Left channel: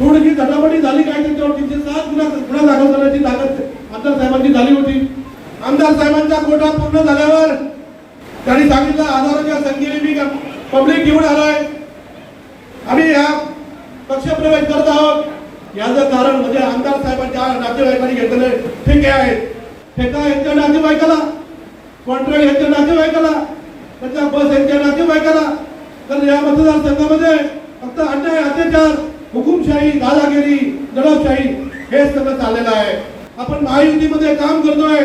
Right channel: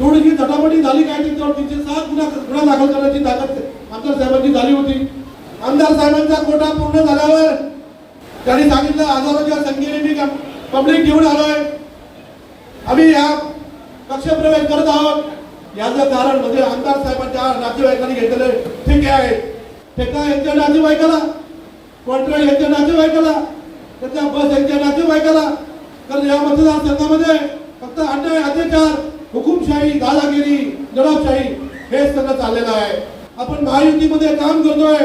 थोडीशी झटापटी झाली काय त्याच्यावर? तिथे सात गुन्हा गुन्हा दाखल करण्याची ताकद आमदार साहेबांची झाली होती. आमदार साहेबांचा कोटा पूर्ण झाल्यावर त्यांनी सांगितलं हजारोच्या संख्येने मी पब्लिक घेऊन आलाय. आम्ही या पक्षप्रवेश करत आहोत. याचं कारण म्हणजे आमदार साहेबांच्या नातेवाईकांनी घेतलेले ठेके आहेत. ठेका यांच्या नातेवाईकाला कॉन्ट्रॅक्ट यांच्या नातेवाईकाला त्याच्या बस यांच्या नातेवाईकाला. तर या मतदारसंघामध्ये फक्त अठ्ठावीस अत्याचार हुकुमशाही दादागिरी दडपशाही हे सगळं चाललेलं आहे. आपण महायुतीमध्ये काम करतोय.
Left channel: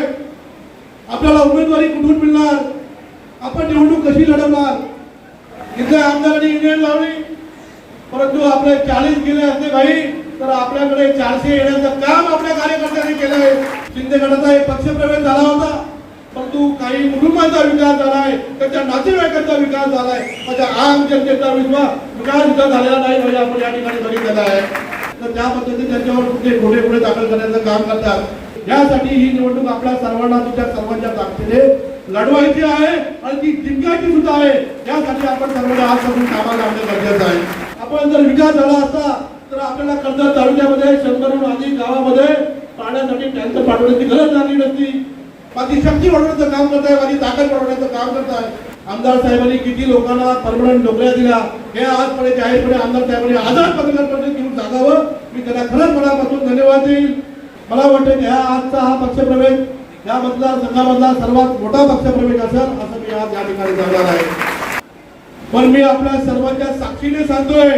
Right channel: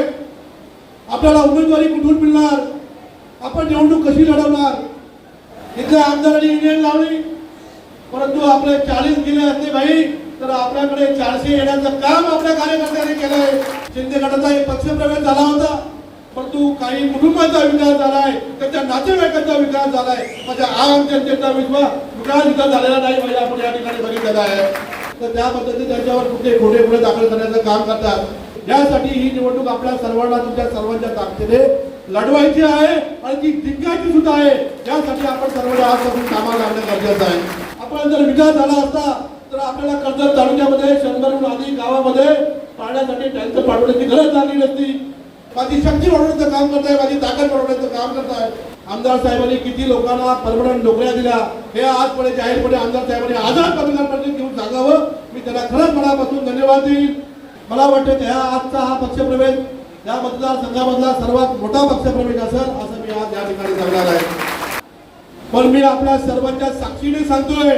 आपल्याला उमेदवारी कुठून मिळणार? आपण निवडणूक कशी लढवणार? इथे आमदारांनी इंडियन लावली परंतु आपले चाळीस गेले असते भाई तर आपल्याकडे चारशे येण्याचं काम आपल्या कार्यकर्त्यांनी केलंय. शिंदे गटाचा एक पक्षप्रवेश झाला होता. परंतु काही कुटुंबाचा विकास झालाय त्याच्या नातेवाईकांचा विकास झालाय. माझ्या आम जनतेचा विश्वास विकास झालेला नाही म्हणजे आपण या ठिकाणी बघितलेला आहे तर त्या पद्धतीने त्यांच्यावर कुठले खोटे पुढे दाखल करण्याचं काम करतात. यासाठी ही निवडणूक आपल्या सर्वांना तुमच्या सर्वांच्या ताकदीने लढवायची आहे आणि ती जिंकायची सुद्धा आहे. यासाठी आपण सर्वांनी आजपासून कामाला लागणं गरजेचं आहे. आपण जर विकास झाला असता तर आपल्याला कर्जत तालुक्यामध्ये शंभरहून अधिक गावामध्ये पाण्यासाठी टँकर पाठवण्याची गरज लागली नसती. माझी शक्ती वाढवण्याचं काम करताय माझी ताकद वाढवण्याचं काम करताय. आमदार साहेबांनी किती लोकांना परमनंट नोकऱ्या दिल्या हे आजपणे जाहीरपणे आमदार साहेबांनी आझाद पत्रकार घेऊन सांगावं मी त्यांना खरंच मनापासून धन्यवाद देईल मला वाटतं की हा आजचा हा पक्षप्रवेश या मतदारसंघामधला सर्वात मोठा पक्षप्रवेश असेल असं मी आज या ठिकाणी सांगणार आहे. पण मी आपल्या सर्वांच्या साक्षीने सांगतोय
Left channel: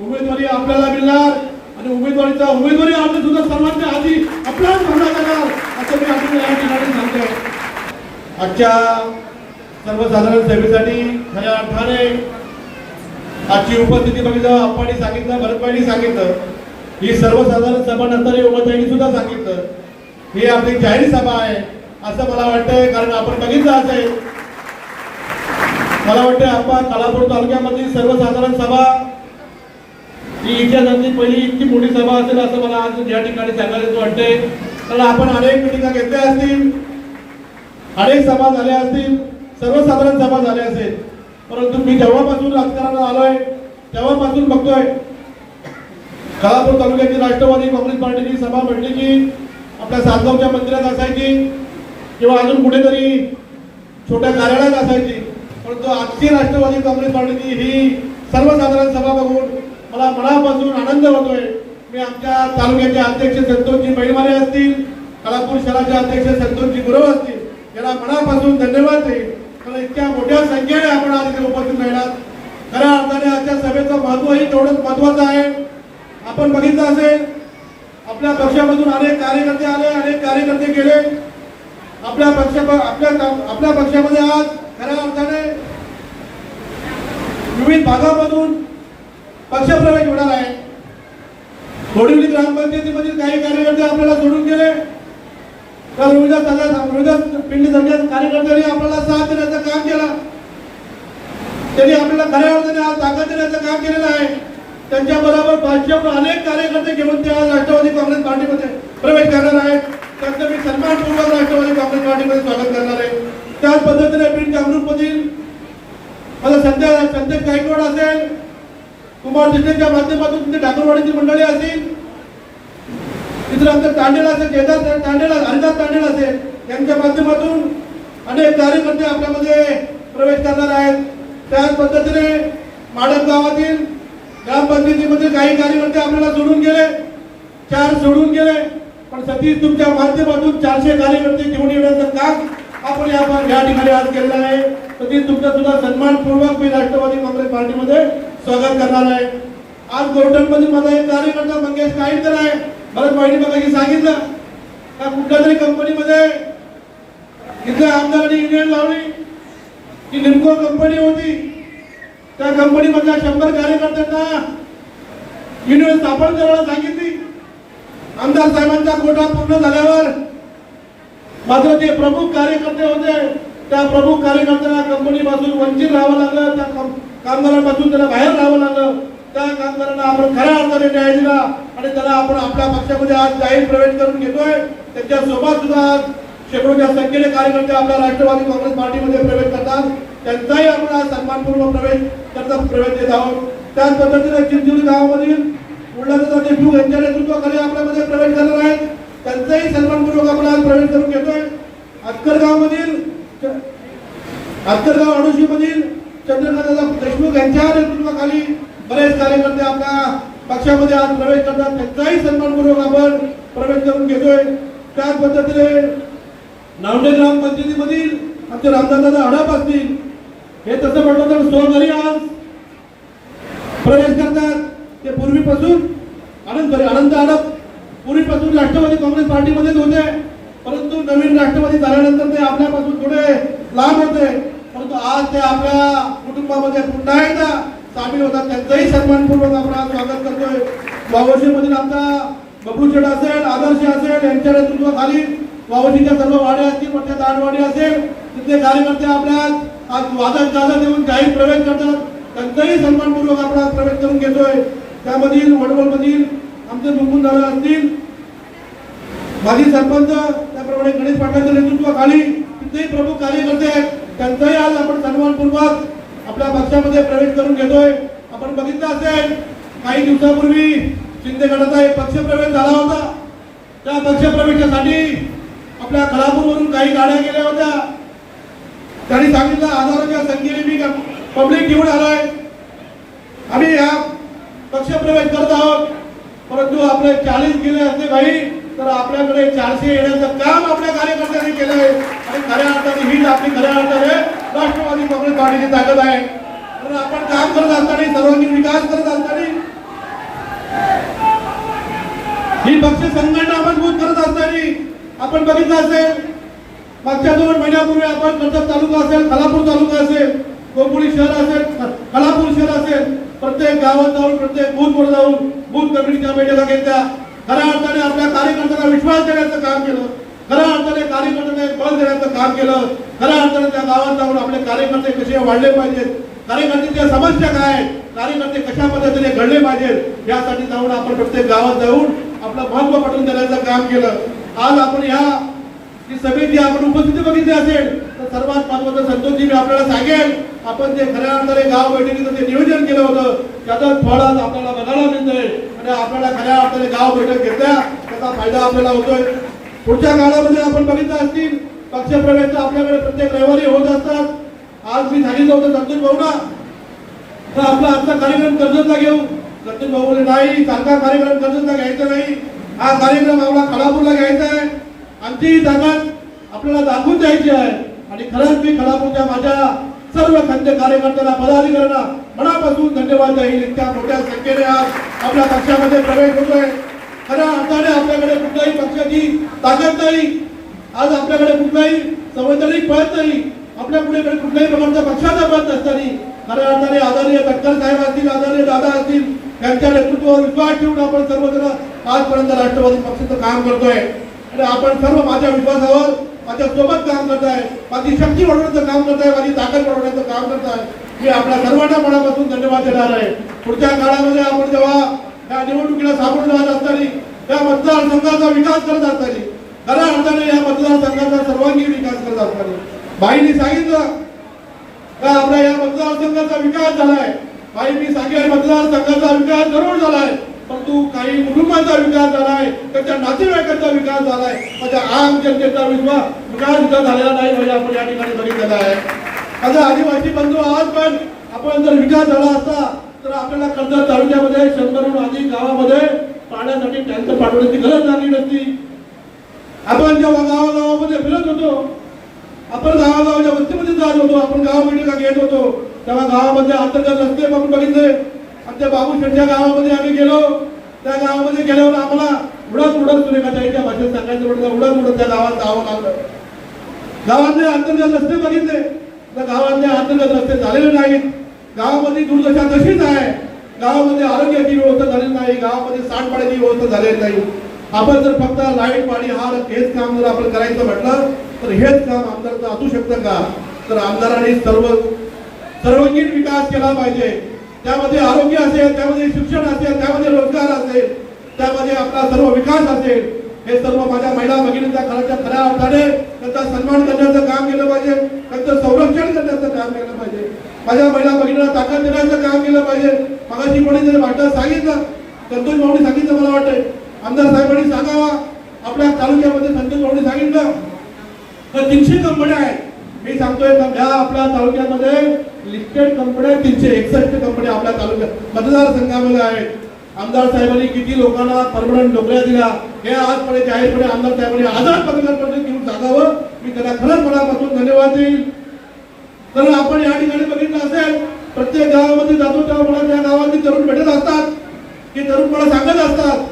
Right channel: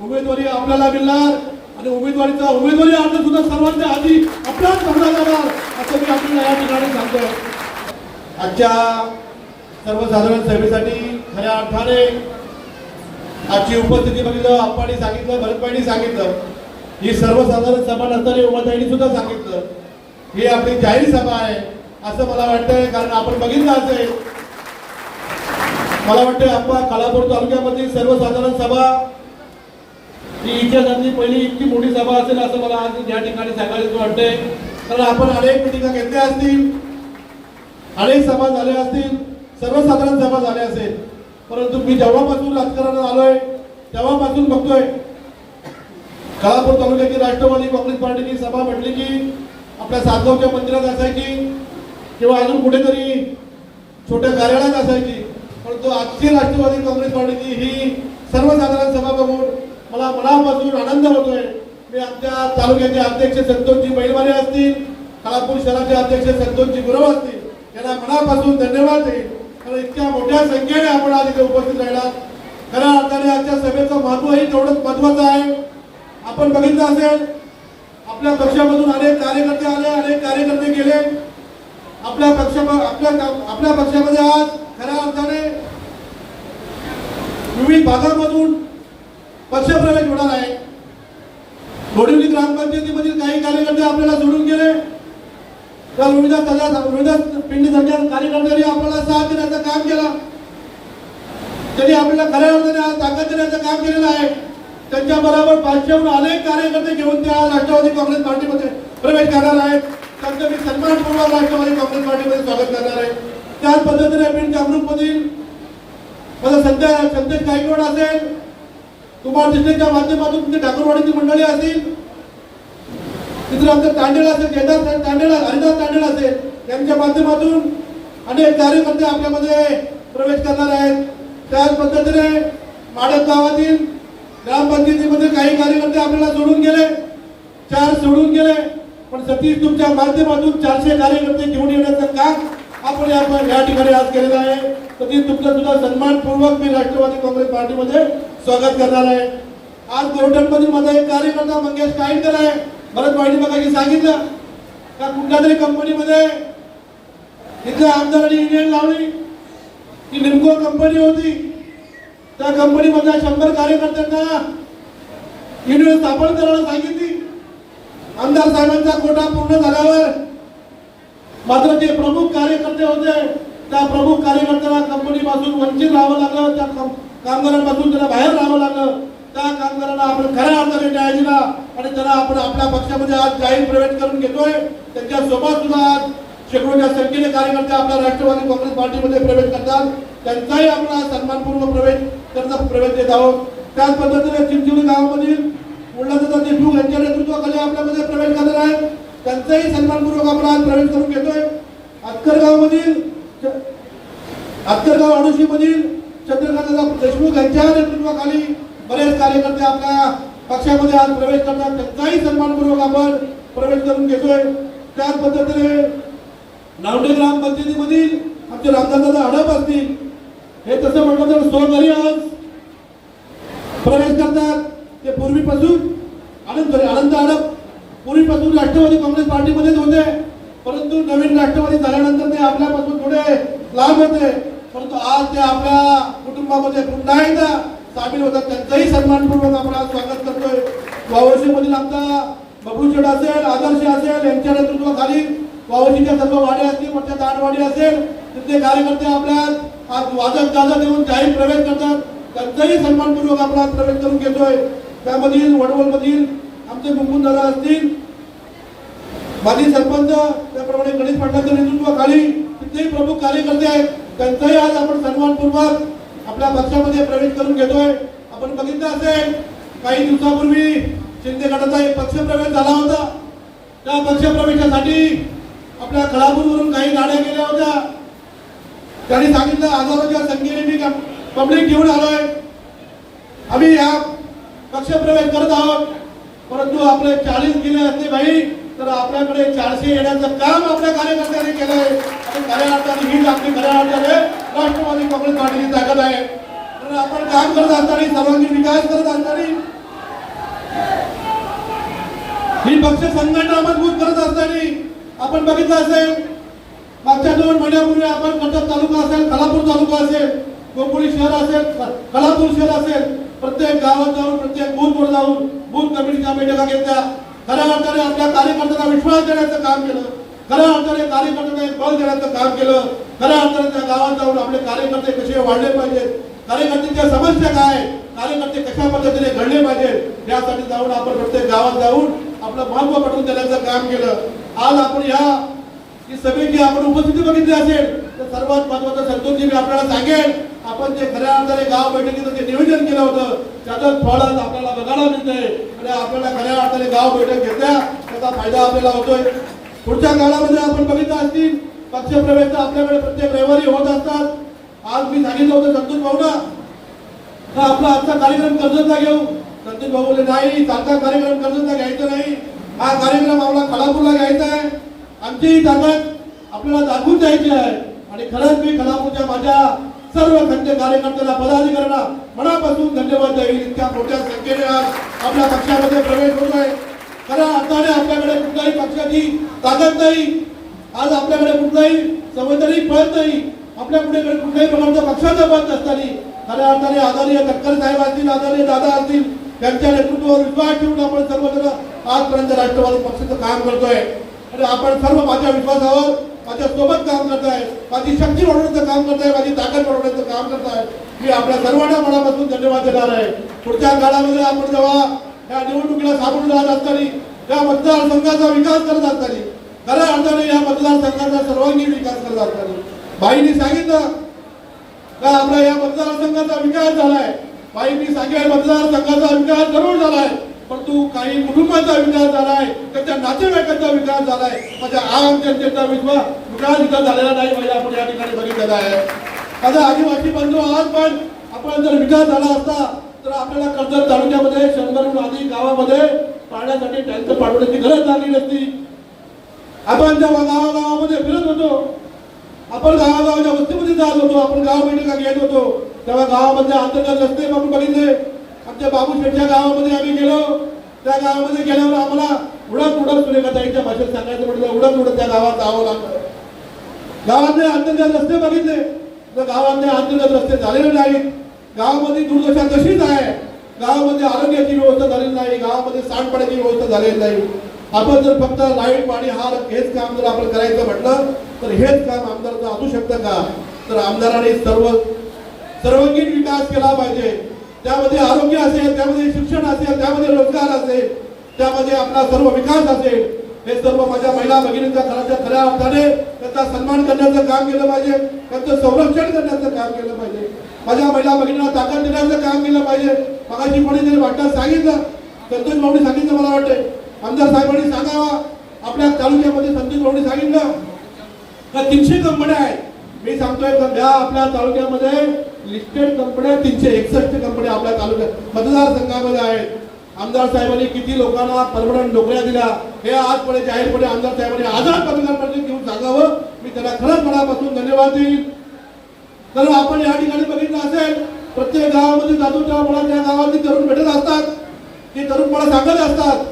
उमेदवारी आपल्याला मिळणार आणि उमेदवारीचा उमेदवारी अर्ज सुद्धा सर्वांच्या आधी आपल्याला भरला जाणार असं मी आपल्याला या ठिकाणी सांगतोय. आजच्या सर्वसाधारण सभेसाठी खऱ्या अर्थाने आजची उपस्थिती बघितलं आप्पानी सांगितलं भरतबाईंनी सांगितलं ही सर्वसाधारण सभा नंतर उमताईंनी सुद्धा सांगितलं. ही आपली जाहीर सभा आहे असं मला वाटतंय कारण आपण बघितलं असेल. मला वाटतं आप्पा कालापूर तालुक्यामधील सर्वसाधारण सभा ही इतिहासातली पहिली इतकी मोठी सभा असेल असं मला आज या ठिकाणी सांगायचं वाटतंय. कारण आपण अनेक मिटिंगा घेतल्या असतील अनेक सभा झाल्या असतील सर्वसाधारण सभा झाल्या असेल. परंतु मी जेव्हापासून राजकारणात आलोय तेव्हापासून बघतोय काळापूर तालुक्यातील राष्ट्रवादी काँग्रेस पार्टीची सभा म्हटली की आपल्या सातगावच्या मंदिरात असायची किंवा अजून कुठेतरी छोट्या कार्यालयात असायची. परंतु आजची राष्ट्रवादी काँग्रेस पार्टीची ही सर्वसाधारण सभा बघून मला मनापासून आनंद होतोय. मी आमच्या तालुक्याचे अध्यक्ष संतोषजी बैलवाले असतील काळापूर शहराचे अध्यक्ष संतोषजी गुरव असतील याला मनापासून धन्यवाद देईल कारण इतक्या मोठ्या संख्येने आपण आज इथे उपस्थित राहिलात. खऱ्या अर्थाने आजच्या सभेचं महत्वही तेवढंच महत्वाचं आहे. आपण बघितलं असेल आपल्या पक्षामधून अनेक कार्यकर्ते आले अनेक कार्यकर्ते गेले. आपल्या पक्ष आपल्या आपल्या पक्षामध्ये आज खऱ्या अर्थाने विविध भागामधून पक्षप्रवेश होणार आहे. बोडिवली ग्रामपंचायतीमधील काही कार्यकर्ते आपल्याला सोडून गेले. त्या रोहिदास रोहिदास पिंडी सगळ्या कार्यकर्त्यांनी आपल्याला साथ देण्याचं काम केलं त्यांनी आपल्याला खऱ्या अर्थाने ताकद देण्याचं काम केलेलं आहे. त्यांच्या बरोबर पाचशेहून अनेक कार्यकर्ते घेऊन ते आज राष्ट्रवादी काँग्रेस पार्टीमध्ये प्रवेश करणार आहेत. त्यांचं मी सन्मानपूर्वक राष्ट्रवादी काँग्रेस पार्टीमध्ये स्वागत करणार आहे. त्याच पद्धतीने बीड जागृतमधील मला सध्या संदेश गायकवाड असेल कुमार दिसलेच्या माध्यमातून तुमची ठाकूरवाडीची मंडळी असतील तिथं आमचं तांडेल असेल केदार तांडेल हरिदास तांडेल असेल यांच्या माध्यमातून अनेक कार्यकर्ते आपल्यामध्ये प्रवेश करणार आहेत. त्याच पद्धतीने माडक गावातील ग्रामपंचायतीमधील काही कार्यकर्ते आपल्याला सोडून गेले. चार सोडून गेले. पण सतीश तुमच्या माध्यमातून चारशे कार्यकर्ते घेऊन येण्याचं काम आपण या ठिकाणी आज केलेलं आहे. सतीश तुमचा सुद्धा सन्मानपूर्वक मी राष्ट्रवादी काँग्रेस पार्टीमध्ये स्वागत करणार आहे. आज गोरटनमधून माझा एक कार्यकर्ता मंगेश काईनकर आहे. भरत वाहिनी मगाशी सांगितलं. का कुठल्या तरी कंपनीमध्ये इथे आमदारांनी इंजिनियर लावली. की लिमको कंपनी होती. त्या कंपनीमधल्या शंभर कार्यकर्त्यांना युनियन स्थापन करायला सांगितली. आमदार साहेबांचा कोटा पूर्ण झाल्यावर मात्र जे प्रमुख कार्यकर्ते होते. त्या प्रमुख कार्यकर्त्यांना कंपनीपासून वंचित राहावं लागलं. त्या कामगारांपासून त्यांना बाहेर राहावं लागलं. त्या कामगारांना आपण खऱ्या अर्थाने न्याय दिला आणि त्याला आपण आपल्या पक्षामध्ये आज जाहीर प्रवेश करून घेतोय. त्यांच्यासोबत सुद्धा शेकडोच्या संख्येने कार्यकर्ते आपल्या राष्ट्रवादी काँग्रेस पार्टीमध्ये प्रवेश करतात. त्यांचाही आपण सन्मानपूर्वक प्रवेश त्यांचा प्रवेश देत आहोत. त्याच पद्धतीने चिंचोली गावामधील प्रल्हाददादा देशमुख यांच्या नेतृत्वाखाली आपल्यामध्ये प्रवेश करणार आहेत. त्यांचाही सन्मानपूर्वक आपण आज प्रवेश करून घेतोय. अक्करगावमधील अक्करगाव आत्तरगाव मधील चंद्रकांतदादा देशमुख यांच्या नेतृत्वाखाली बरेच कार्यकर्ते आपल्या पक्षामध्ये आज प्रवेश करतात. त्यांचाही सन्मानपूर्वक आपण प्रवेश करून घेतोय. त्याच पद्धतीने नावडे ग्रामपंचायतीमधील आमचे रामदासदादा हडप असतील. हे तसं म्हटलं तर स्वघरी आज प्रवेश करतात. ते पूर्वीपासून आनंद सॉरी आनंद हडप पूर्वीपासून राष्ट्रवादी काँग्रेस पार्टीमध्येच होते. परंतु नवीन राष्ट्रवादी झाल्यानंतर ते आपल्यापासून थोडे लांब होते. परंतु आज ते आपल्या कुटुंबामध्ये पुन्हा एकदा सामील होतात. त्यांचाही सन्मानपूर्वक आपण आज स्वागत करतोय. वावशीमधील आमचा बबूचड असेल आदर्श असेल यांच्या नेतृत्वाखाली वावशीच्या सर्व वाड्या असतील मोठ्या दानवाडी असेल तिथले कार्यकर्ते आपल्या आज वादक गाजत देऊन जाहीर प्रवेश करतात. त्यांचाही सन्मानपूर्वक आपण आज प्रवेश करून घेतोय. त्यामधील वडवळमधील आमचे मुकुंद दादा असतील माजी सरपंच त्याप्रमाणे गणेश पाटलांच्या नेतृत्वाखाली तिथेही प्रमुख कार्यकर्ते आहेत. त्यांचाही आज आपण सन्मानपूर्वक आपल्या पक्षामध्ये प्रवेश करून घेतोय. आपण बघितलं असेल काही दिवसापूर्वी शिंदे गटाचा एक पक्षप्रवेश झाला होता. त्या पक्षप्रवेशासाठी आपल्या खळापूरवरून काही गाड्या गेल्या होत्या. त्यांनी सांगितलं हजारोच्या संख्येने मी पब्लिक घेऊन आलोय. आम्ही या पक्षप्रवेश करत आहोत. परंतु आपले चाळीस गेले असते भाई तर आपल्याकडे चारशे येण्याचं काम आपल्या कार्यकर्त्यांनी केलंय आणि खऱ्या अर्थाने हीच आपली खऱ्या अर्थाने राष्ट्रवादी काँग्रेस पार्टीची ताकद आहे. म्हणून आपण काम करत असताना सर्वांगीण विकास करत असताना ही पक्ष संघटना मजबूत करत असताना आपण बघितलं असेल मागच्या दोन महिन्यापूर्वी आपण कर्जत तालुका असेल खालापूर तालुका असेल गोपुरी शहर असेल खालापूर शहर असेल प्रत्येक गावात जाऊन प्रत्येक बूथवर जाऊन बूथ कमिटीच्या बैठका घेतल्या. खऱ्या अर्थाने आपल्या कार्यकर्त्यांना विश्वास देण्याचं काम केलं. खऱ्या अर्थाने कार्यकर्त्यांना एक बळ देण्याचं काम केलं. खऱ्या अर्थाने त्या गावात जाऊन आपले कार्यकर्ते कसे वाढले पाहिजेत? कार्यकर्त्यांच्या समस्या काय आहेत? कार्यकर्ते कशा पद्धतीने घडले पाहिजेत? यासाठी जाऊन आपण प्रत्येक गावात जाऊन आपलं महत्त्व पटवून देण्याचं काम केलं. आज आपण या ही सभेची आपण उपस्थिती बघितली असेल तर सर्वात महत्वाचं संतोषजी मी आपल्याला सांगेन आपण जे खऱ्या अर्थाने गाव बैठकीचं जे नियोजन केलं होतं त्याचं फळ आज आपल्याला बघायला मिळतंय. आणि आपल्याला खऱ्या अर्थाने गाव बैठक घेतल्या त्याचा फायदा आपल्याला होतोय. पुढच्या काळामध्ये आपण बघितलं असतील पक्षप्रवेश आपल्याकडे प्रत्येक रविवारी होत असतात. आज मी सांगितलं होतं संतोष भाऊना तर आपला आजचा कार्यक्रम कर्जतला घेऊ. संतोष भाऊ नाही सारखा कार्यक्रम कर्जतला घ्यायचा नाही. हा कार्यक्रम आपला खडापूरला घ्यायचा आहे. आमची ही ताकद आपल्याला दाखवून द्यायची आहे. आणि खरंच मी खडापूरच्या माझ्या सर्व खंड कार्यकर्त्यांना पदाधिकाऱ्यांना मनापासून धन्यवाद देईल. इतक्या मोठ्या संख्येने आपल्या पक्षामध्ये प्रवेश होतोय खऱ्या अर्थाने आपल्याकडे कुठल्याही पक्षाची ताकद नाही. आज आपल्याकडे कुठलाही संवैधानिक पद नाही. आपल्याकडे कुठल्याही प्रकारचा पक्षाचा पद नसताना खऱ्या अर्थाने आदरणीय तटकर साहेब असतील आदरणीय दादा असतील त्यांच्या नेतृत्वावर विश्वास ठेवून आपण सर्वजण आजपर्यंत राष्ट्रवादी पक्षाचं काम करतोय. आणि आपण सर्व माझ्या विश्वासावर माझ्या सोबत काम करताय माझी शक्ती वाढवण्याचं काम करताय माझी ताकद वाढवण्याचं काम करताय. मी आपल्या सर्वांना मनापासून धन्यवाद देणार आहे. पुढच्या काळामध्ये आपण जेव्हा या निवडणुकीला सामोरे जात असताना या मतदारसंघाचा विकास करत असताना खऱ्या अर्थाने या मतदारसंघाचा सर्वांगीण विकास करत असताना बाईंनी सांगितलं का आपला या मतदारसंघाचा विकास झालाय? बाईंनी सांगितलं मतदारसंघाचा विकास जरूर झालाय. परंतु काही कुटुंबाचा विकास झालाय त्यांच्या नातेवाईकांचा विकास झालाय? माझ्या आम जनतेचा विश्वास विकास विकास झालेला नाही म्हणजे आपण या ठिकाणी बघितलेला आहे. माझा आदिवासी बंधू आज पण आपण जर विकास झाला असता तर आपल्याला कर्जत तालुक्यामध्ये शंभरहून अधिक गावामध्ये पाण्यासाठी टँकर पाठवण्याची गरज लागली नसती. आपण जेव्हा गावागावामध्ये फिरत होतो आपण गावागावाच्या वस्तीमध्ये जात होतो आपण गाव बैठका घेत होतो तेव्हा गावामध्ये अंतर्गत रस्ते आपण बघितले. आमच्या बाबूशेठच्या गावामध्ये आम्ही गेलो. त्या गावामध्ये गेल्यावर आम्हाला उडत उडत सुरेखाताईच्या भाषेत सांगायचं म्हटलं उडत उडत त्या गावात जावं लागलं. गावातले अंतर्गत रस्ते बघितले. तर गावातले अंतर्गत रस्ते झालेले नाहीत. गावामध्ये दुर्दशा तशीच आहे. गावामध्ये आरोग्याची व्यवस्था झालेली नाही. गावामध्ये सांडपाण्याची व्यवस्था झालेली नाही. आपण जर फक्त लाइट पाणी हा हेच काम जर आपण करायचं म्हटलं तर हेच काम आमदाराचं असू शकतं का? तर आमदारांनी सर्व सर्वांगीण विकास केला पाहिजे. त्यामध्ये आरोग्य असेल त्यामध्ये शिक्षण असेल त्यामध्ये रोजगार असेल त्यामध्ये आपला सर्व विकास असेल हे सर्व माझ्या महिला भगिनींच्या खऱ्याच्या खऱ्या अर्थाने त्यांचा सन्मान करण्याचं काम केलं पाहिजे त्यांचं संरक्षण करण्याचं काम केलं पाहिजे. माझ्या महिला भगिनींना ताकद देण्याचं काम केलं पाहिजे. मगाशी कोणी जरी वाटतं सांगितलं संतोष भाऊनी सांगितलं मला वाटतंय. आमदार साहेबांनी सांगावा. आपल्या तालुक्यामध्ये संतोष भाऊनी सांगितलं. तर तीनशे कंपन्या आहेत. मी सांगतोय सध्या आपल्या तालुक्यामध्ये लिस्टेड कंपन्या तीनशे एकसष्ट कंपन्या आपल्या तालुक्यात. मतदारसंघामध्ये आहेत. आमदार साहेबांनी किती लोकांना परमनंट नोकऱ्या दिल्या हे आजपणे जाहीरपणे आमदार साहेबांनी आझाद पत्रकारांमध्ये घेऊन सांगावं मी त्यांना खरंच मनापासून धन्यवाद देईन. तर आपण या ठिकाणी बघितलं असेल प्रत्येक गावामध्ये जातो तेव्हा मला त्या गावातील तरुण भेटत असतात. की तरुण मला सांगत असतात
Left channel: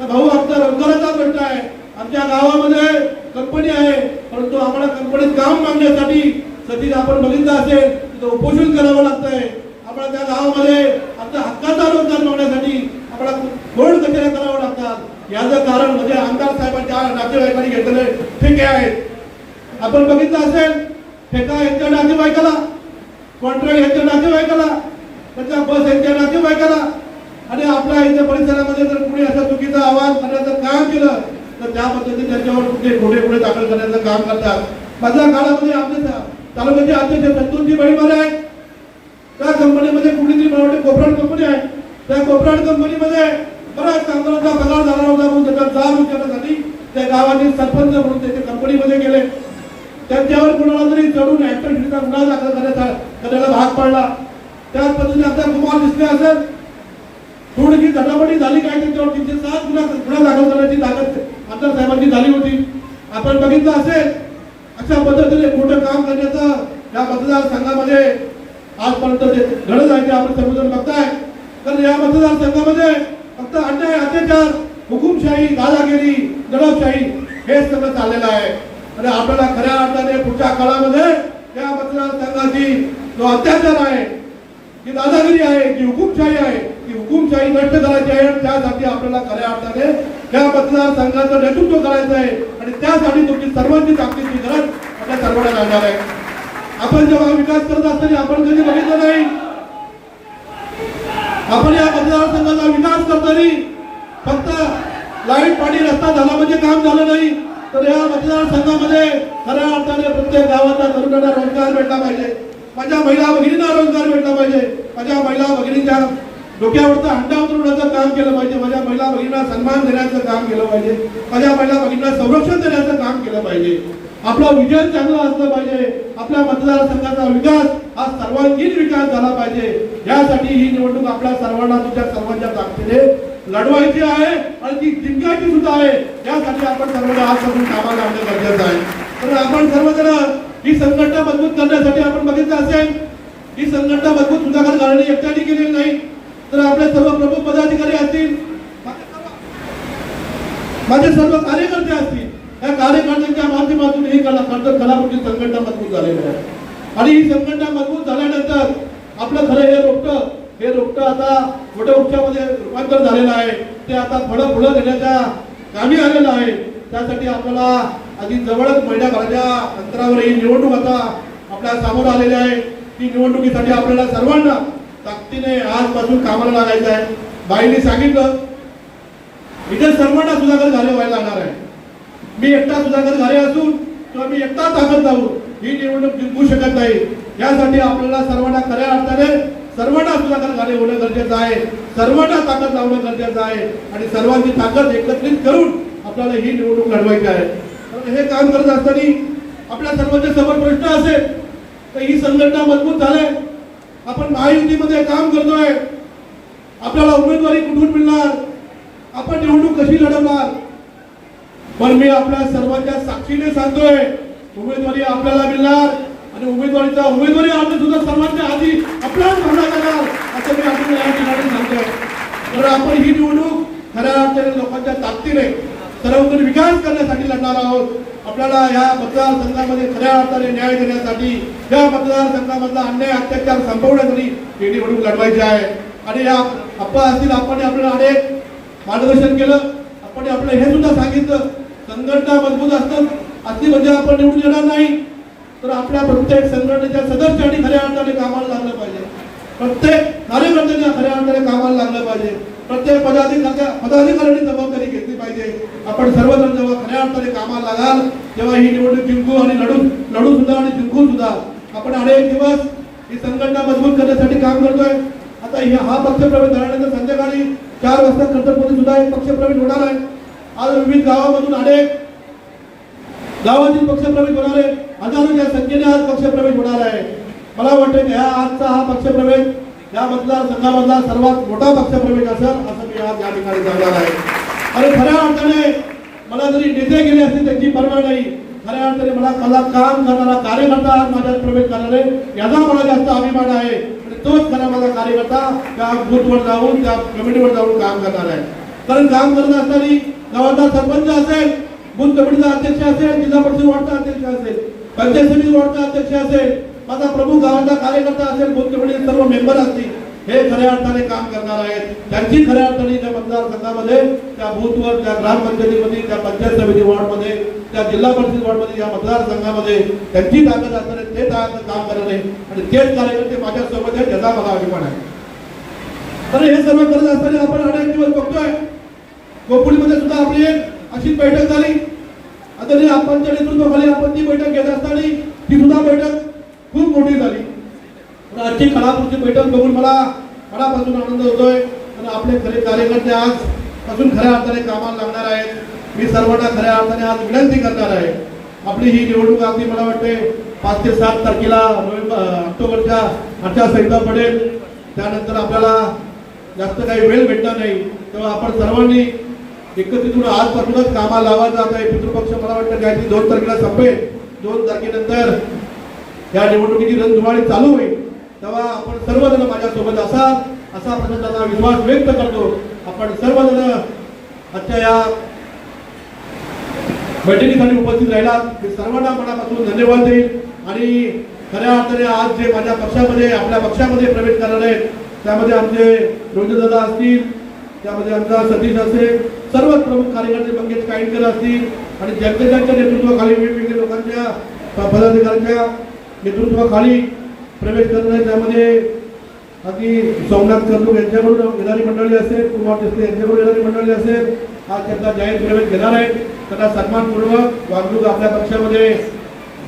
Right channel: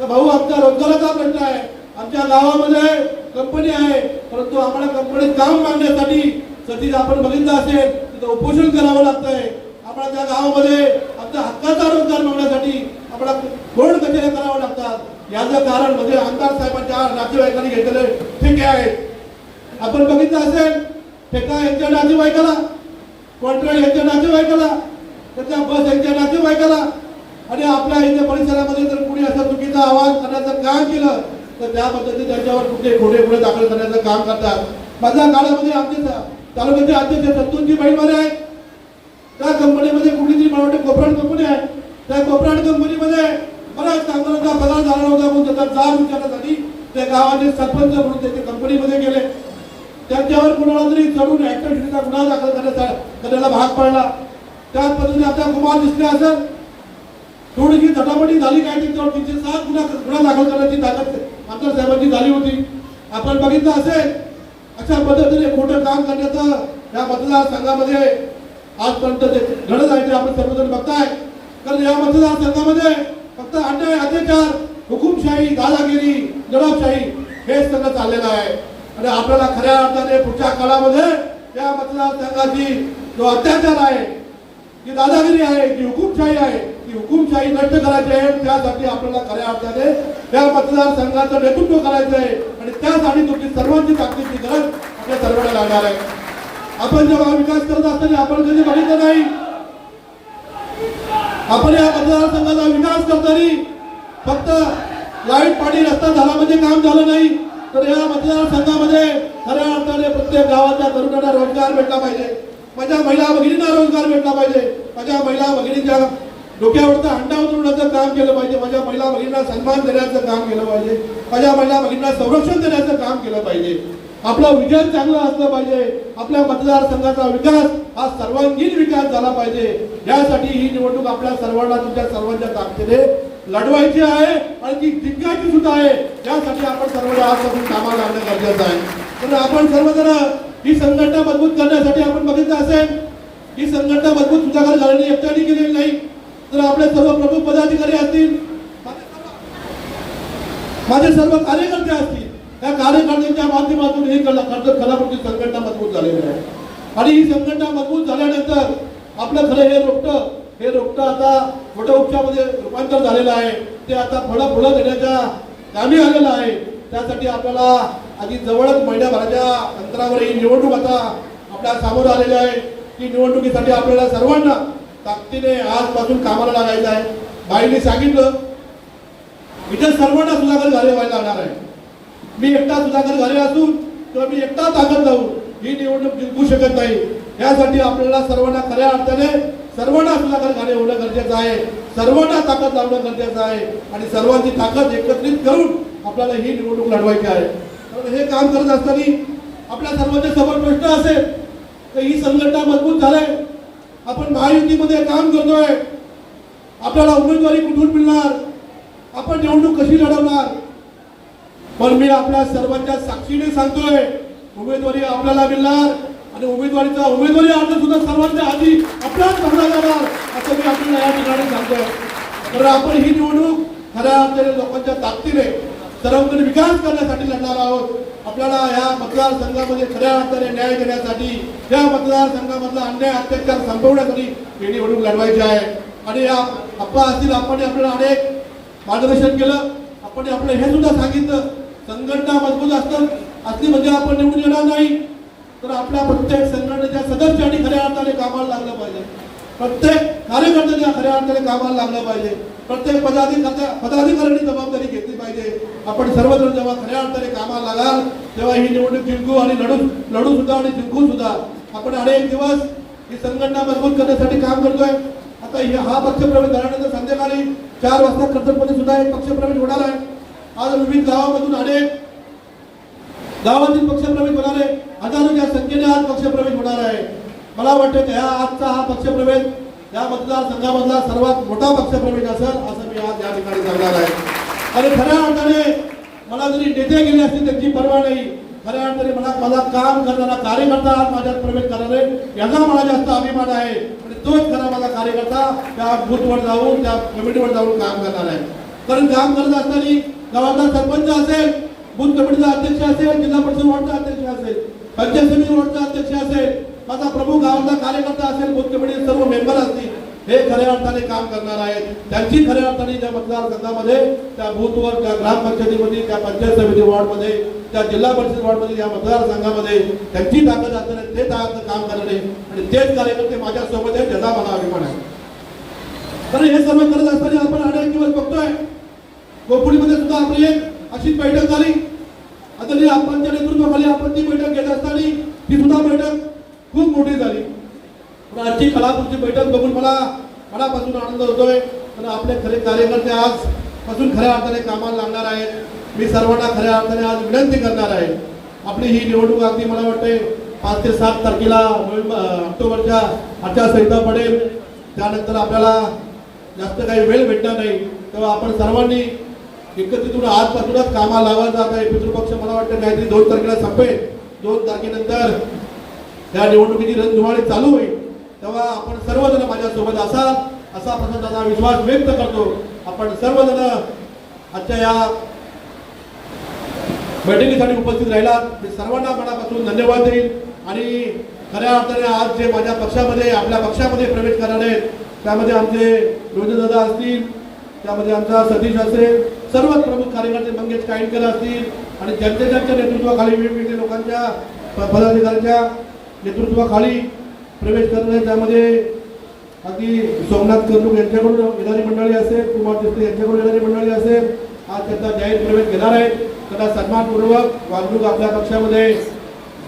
तर भाऊ आमचा रोजगाराचा प्रश्न आहे. आमच्या गावामध्ये कंपनी आहे परंतु आम्हाला कंपनीत काम मागण्यासाठी सध्या आपण बघितलं असेल उपोषण करावं लागतंय. आम्हाला त्या गावामध्ये आपल्या हक्काचा रोजगार मिळवण्यासाठी आम्हाला गोड कचेऱ्या करावं लागतात. याचं कारण म्हणजे आमदार साहेबांच्या नातेवाईकांनी घेतलेले ठेके आहेत. आपण बघितलं असेल ठेका यांच्या नातेवाईकाला कॉन्ट्रॅक्ट यांच्या नातेवाईकाला त्याच्या बस यांच्या नातेवाईकाला. आणि आपल्या इथे परिसरामध्ये जर कुणी असा चुकीचा आवाज करण्याचं काम केलं तर त्या पद्धतीने त्यांच्यावर कुठले खोटे पुढे दाखल करण्याचं काम करतात. मधल्या काळामध्ये आमचे तालुक्याचे अध्यक्ष संतोषजी बाईमारे आहेत त्या कंपनीमध्ये कुठली मला वाटते कंपनी आहे. त्या कोपराड कंपनीमध्ये बऱ्याच कामगारांचा पगार झाला होता म्हणून त्याचा जाब विचारण्यासाठी त्या गावाचे सरपंच म्हणून त्याच्या कंपनीमध्ये गेले त्यांच्यावर कुणाला तरी चढून ऍक्टिव्हिटीचा गुन्हा दाखल करण्याचा करायला भाग पडला त्याच पद्धतीने आता कुमार दिसले असेल थोडीशी झटापटी झाली काय त्याच्यावर तीनशे सात गुन्हा गुन्हा दाखल करण्याची ताकद आमदार साहेबांची झाली होती आपण बघितलं असेल अशा पद्धतीने खोटं काम करण्याचं या मतदारसंघामध्ये आजपर्यंत जे घडत आहे ते आपण सर्वजण बघताय तर या मतदारसंघामध्ये फक्त अन्याय अत्याचार हुकुमशाही दादागिरी दडपशाही हे सगळं चाललेलं आहे आणि आपल्याला खऱ्या अर्थाने पुढच्या काळामध्ये या मतदारसंघाची जो अत्याचार आहे जी दादागिरी आहे जी हुकुमशाही आहे ती हुकुमशाही नष्ट करायची आहे. आणि त्यासाठी आपल्याला खऱ्या अर्थाने या मतदारसंघाचं नेतृत्व करायचं आहे. आणि त्यासाठी तुमची सर्वांची ताकदीची गरज आपल्या सर्वांना लागणार आहे. आपण जेव्हा विकास करत असताना आपण कधी बघितलं नाही. आपण या मतदारसंघाचा विकास करताना फक्त लाइट पाणी रस्ता झाला म्हणजे काम झालं नाही. तर या मतदारसंघामध्ये खऱ्या अर्थाने प्रत्येक गावाचा तरुणांना रोजगार भेटला पाहिजे. माझ्या महिला भगिनींना रोजगार भेटला पाहिजे. माझ्या महिला भगिनींच्या डोक्यावरचा हंडा उतरवण्याचं काम केलं पाहिजे. माझ्या महिला भगिनींना सन्मान देण्याचं काम केलं पाहिजे. माझ्या महिला भगिनींना संरक्षण देण्याचं काम केलं पाहिजे. आपलं विजन चांगलं असलं पाहिजे. आपल्या मतदारसंघाचा विकास हा सर्वांगीण विकास झाला पाहिजे. यासाठी ही निवडणूक आपल्या सर्वांना तुमच्या सर्वांच्या ताकदीने लढवायची आहे आणि ती जिंकायची सुद्धा आहे. यासाठी आपण सर्वांना आजपासून कामाला आणणं गरजेचं आहे. तर आपण सर्वजण ही संघटना मजबूत करण्यासाठी आपण बघितलं असेल ही संघटना मजबूत सुधाकर घालणे एकट्याने केलेली नाही. तर आपले सर्व प्रमुख पदाधिकारी असतील माझे सर्व- कार्यकर्ते असतील त्या कार्यकर्त्यांच्या माध्यमातून हे कला कर्जत कलाकृती संघटना मजबूत झालेली आहे. आणि ही संघटना मजबूत झाल्यानंतर आपलं खरं हे रोखतं हे रोपटं आता मोठ्या वृक्षामध्ये रूपांतर झालेलं आहे. ते आता फळं फुलं देण्याच्या कामी आलेलं आहे. त्यासाठी आपल्याला आधी जवळच महिन्याभराच्या अंतरावर ही निवडणूक आता आपल्यासमोर आलेली आहे. ती निवडणुकीसाठी आपल्याला सर्वांना ताकदीने आजपासून कामाला लागायचं आहे. बाईंनी सांगितलं इथे सर्वांना सुधाकर झाले व्हायला लागणार आहे. मी एकटा सुधाकर झाले असून किंवा मी एकटा ताकद जाऊन ही निवडणूक जिंकू शकत नाही. यासाठी आपल्याला सर्वांना खऱ्या अर्थाने सर्वांना सुधाकर कार्य होणं गरजेचं आहे. सर्वांना ताकद लावणं गरजेचं आहे. आणि सर्वांची ताकद एकत्रित करून आपल्याला ही निवडणूक लढवायची आहे. हे काम करत असताना आपल्या सर्वांच्या समोर प्रश्न असेल तर ही संघटना मजबूत झालाय. आपण महायुतीमध्ये काम करतोय. आपल्याला उमेदवारी कुठून मिळणार? आपण निवडणूक कशी लढवणार? पण मी आपल्या सर्वांच्या साक्षीने सांगतोय उमेदवारी आपल्याला मिळणार. आणि उमेदवारीचा उमेदवारी अर्ज सुद्धा सर्वांच्या आधी आपल्याच भरला जाणार. असं मी आपल्याला या ठिकाणी सांगतो तर आपण ही निवडणूक खऱ्या अर्थाने लोकांच्या ताकदीने सर्वत्र विकास करण्यासाठी लढणार आहोत. आपल्याला या मतदारसंघामध्ये खऱ्या अर्थाने न्याय देण्यासाठी या मतदारसंघामधला अन्याय अत्याचार संपवण्यासाठी ही निवडणूक लढवायची आहे. आणि या अप्पा असतील आपण आपल्याला अनेक मार्गदर्शन केलं. आपण आपलं हे सुद्धा सांगितलं. संघटना मजबूत असतात. असली म्हणजे आपण निवडून येणार नाही. तर आपल्या प्रत्येक संघटनेच्या सदस्यांनी खऱ्या अर्थाने कामाला लागलं पाहिजे. प्रत्येक कार्यकर्त्यांच्या खऱ्या अर्थाने कामाला लागलं पाहिजे. प्रत्येक पदाधिकारी पदाधिकाऱ्यांनी जबाबदारी घेतली पाहिजे. आपण सर्वजण जेव्हा खऱ्या अर्थाने कामाला लागाल तेव्हा ही निवडणूक जिंकू आणि लढू लढू सुद्धा आणि जिंकू सुद्धा. आपण अनेक दिवस ही संघटना मजबूत करण्यासाठी काम करतोय. आता हे- हा पक्षप्रवेश झाल्यानंतर संध्याकाळी चार वाजता कर्तव्य सुद्धा एक पक्षप्रवेश होणार आहे. आज विविध गावामधून अनेक गावातील पक्षप्रवेश बघाले हजारोच्या संख्येने आज पक्षप्रवेश होणार आहे. मला वाटतं की ह्या आजचा हा पक्षप्रवेश या मतदारसंघामधला सर्वात मोठा पक्षप्रवेश असेल असं मी आज या ठिकाणी सांगणार आहे. आणि खऱ्या अर्थाने मला जरी नेते गेले असतील त्यांची परवा नाही. खऱ्या अर्थाने मला मला काम करणारा कार्यकर्ता आज माझ्यात प्रवेश करणार आहे. याचा मला जास्त अभिमान आहे. आणि तोच खरा माझा कार्यकर्ता त्या बूथवर जाऊन त्या कमिटीवर जाऊन काम करणार आहे. कारण काम करत असताना गावाचा सरपंच असेल बूथ कमिटीचा अध्यक्ष असेल जिल्हा परिषद वॉर्डचा अध्यक्ष असेल पंचायत समिती वॉर्डचा अध्यक्ष असेल माझा प्रमुख गावाचा कार्यकर्ता असेल बूथ सर्व मेंबर असतील हे खऱ्या अर्थाने काम करणार आहेत. त्यांची खऱ्या अर्थाने त्या मतदारसंघामध्ये त्या बूथवर त्या ग्रामपंचायतीमध्ये त्या पंचायत समिती वॉर्डमध्ये त्या जिल्हा परिषद वॉर्डमध्ये या मतदारसंघामध्ये त्यांची ताकद असताना ते ताकद काम करणे आणि तेच कार्यकर्ते माझ्यासोबत आहे त्याचा मला अभिमान आहे. तर हे सर्व करत असताना आपण अनेक दिवस बघतोय. कोकणीमध्ये सुद्धा आपली एक अशी बैठक झाली. तरी ही आपणच्या नेतृत्वाखाली आपण ती बैठक घेत असताना ती सुद्धा बैठक खूप मोठी झाली. पण आजची कलापूरची बैठक बघून मला मनापासून आनंद होतोय. आणि आपले खरे कार्यकर्ते आज पासून खऱ्या अर्थाने कामाला लागणार आहेत. मी सर्वांना खऱ्या अर्थाने आज विनंती करणार आहे. आपली ही निवडणूक अगदी मला वाटते पाच ते सात तारखेला नोव्हेंबर ऑक्टोबरच्या आचारसंहिता पडेल. त्यानंतर आपल्याला जास्त काही वेळ भेटणार नाही. तेव्हा आपण सर्वांनी एकत्रितून आजपासूनच कामा लावा जात आहे पितृपक्ष मला वाटतं काहीतरी दोन तारखेला संपेल दोन तारखेनंतर या निवडणुकीची रणधुमाळी चालू होईल तेव्हा आपण सर्वजण माझ्यासोबत असा असा प्रशासनाचा विश्वास व्यक्त करतो. आपण सर्वजण आजच्या या बैठकीसाठी उपस्थित राहिला मी सर्वांना मनापासून धन्यवाद देईल आणि खऱ्या अर्थाने आज जे माझ्या पक्षामध्ये आपल्या पक्षामध्ये प्रवेश करणार आहेत त्यामध्ये आमचे दादा असतील त्यामध्ये आमचा सतीश असेल सर्व प्रमुख कार्यकर्ते मंगेश काईनकर असतील आणि ज्यांच्या ज्यांच्या नेतृत्वाखाली वेगवेगळ्या लोकांच्या पदाधिकाऱ्यांच्या नेतृत्वाखाली प्रवेश करणार त्यामध्ये अगदी सोमनाथ कर्णूक यांच्याकडून येणारी मंडळी असेल कुमार देसले यांच्याकडून येणारी मंडळी असेल आज त्यांचा जाहीर प्रवेश घेणार आहे त्यांना सन्मानपूर्वक वागणूक आपल्या पक्षामध्ये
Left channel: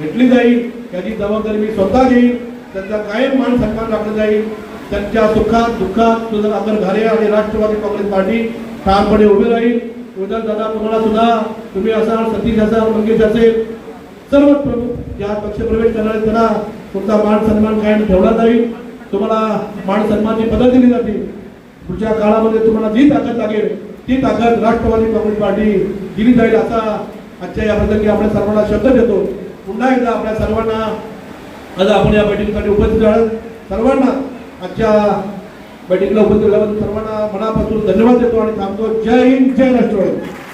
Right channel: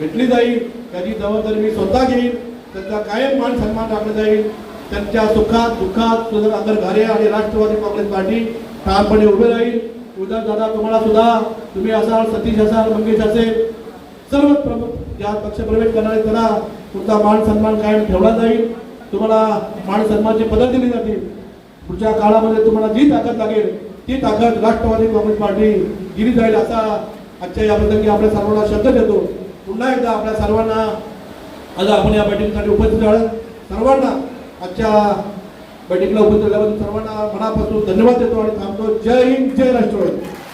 घेतली जाईल. त्याची जबाबदारी मी स्वतः घेईन. त्यांचा कायम मान सन्मान राखला जाईल. त्यांच्या सुखात दुःखात सुद्धा घारे आणि राष्ट्रवादी काँग्रेस पार्टी ठामपणे उभे राहील. उद्या दादा तुम्हाला सुद्धा तुम्ही असाल सतीश असाल मंगेश असेल सर्व प्रमुख ज्या पक्ष प्रवेश करणारे त्यांना तुमचा मान सन्मान कायम ठेवला जाईल. तुम्हाला मान सन्मानची पदक दिली जाते पुढच्या काळामध्ये तुम्हाला जी ताकद लागेल ती ताकद राष्ट्रवादी काँग्रेस पार्टी दिली जाईल असा आजच्या या प्रसंगी आपल्या सर्वांना शब्द देतो. पुन्हा एकदा आपल्या सर्वांना आज आपण या बैठकीसाठी उपस्थित आहोत. सर्वांना आजच्या बैठकीला उपस्थित झाल्याबद्दल सर्वांना मनापासून धन्यवाद देतो आणि थांबतो. जय हिंद जय राष्ट्रवादी.